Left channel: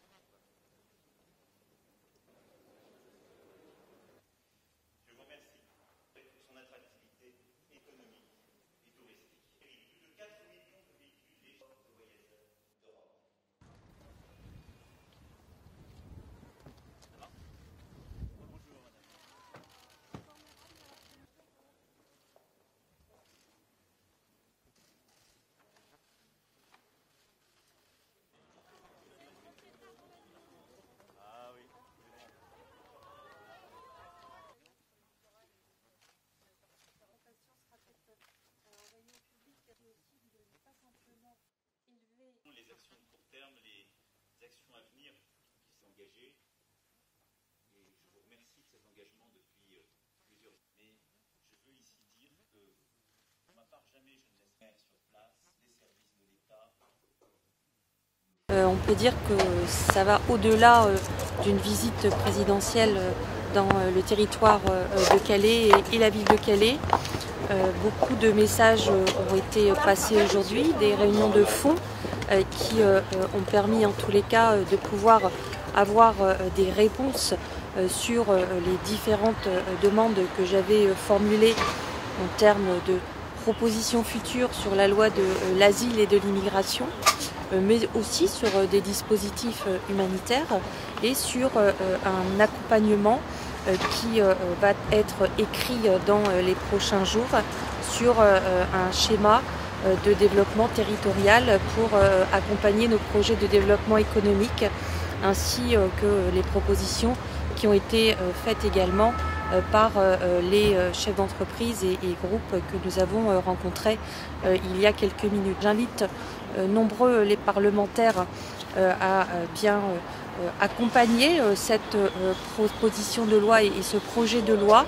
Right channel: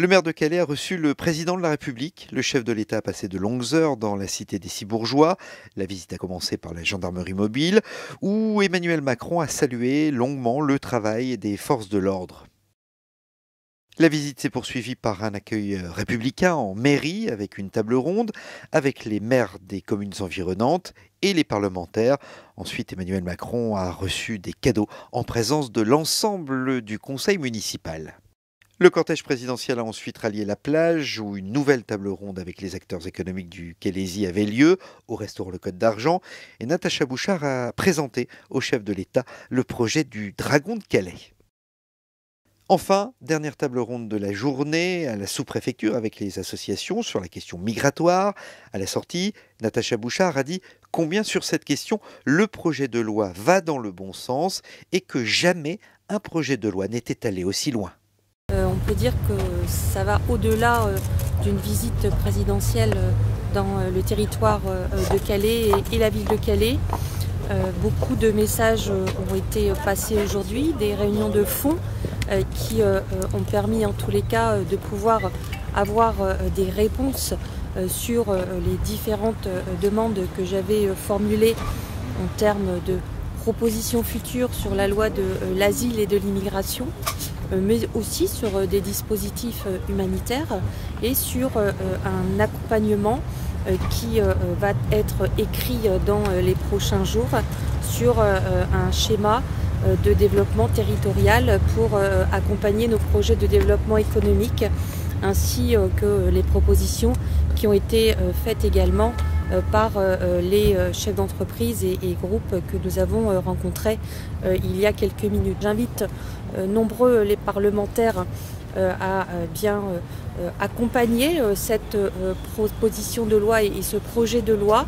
Le maire de Calais a reçu le président de la République. Le chef de l'État a passé de longues heures dans la cité des Six-Bourgeois. La visite a commencé par la gendarmerie mobile, où Emmanuel Macron a salué longuement le travail des forces de l'ordre. La visite s'est poursuivie par un accueil républicain en mairie, avec une table ronde, avec les maires des communes environnantes et les parlementaires. Ensuite, Emmanuel Macron a reçu des cadeaux en présence de l'ensemble du conseil municipal. Le cortège présidentiel a ensuite rallié la plage où une nouvelle table ronde avec les acteurs économiques du Calaisis avait lieu au restaurant Le Côte d'Argent et Natacha Bouchard a présenté au chef de l'État le projet du Dragon de Calais. Enfin, dernière table ronde de la journée à la sous-préfecture avec les associations sur la question migratoire. À la sortie, Natacha Bouchard a dit combien sur cette question le projet de loi va dans le bon sens et que jamais un projet de loi n'était allé aussi loin. On peut dire que ça va au-delà d'une visite présidentielle dans le territoire de Calais et la ville de Calais. Beaucoup de messages ont été passés aujourd'hui, des réunions de fond qui ont permis en tous les cas de pouvoir avoir des réponses sur les différentes demandes que j'avais formulées en termes de propositions futures sur la loi de l'asile et de l'immigration, mais aussi sur des dispositifs humanitaires et sur un accompagnement qui va être écrit dans les prochains jours sur un schéma de développement territorial pour accompagner nos projets de développement économique ainsi que les propositions qui ont été faites également par les chefs d'entreprise et groupes que nous avons rencontrés il y a quelques minutes. J'invite nombreux les parlementaires à bien accompagner cette proposition de loi et ce projet de loi.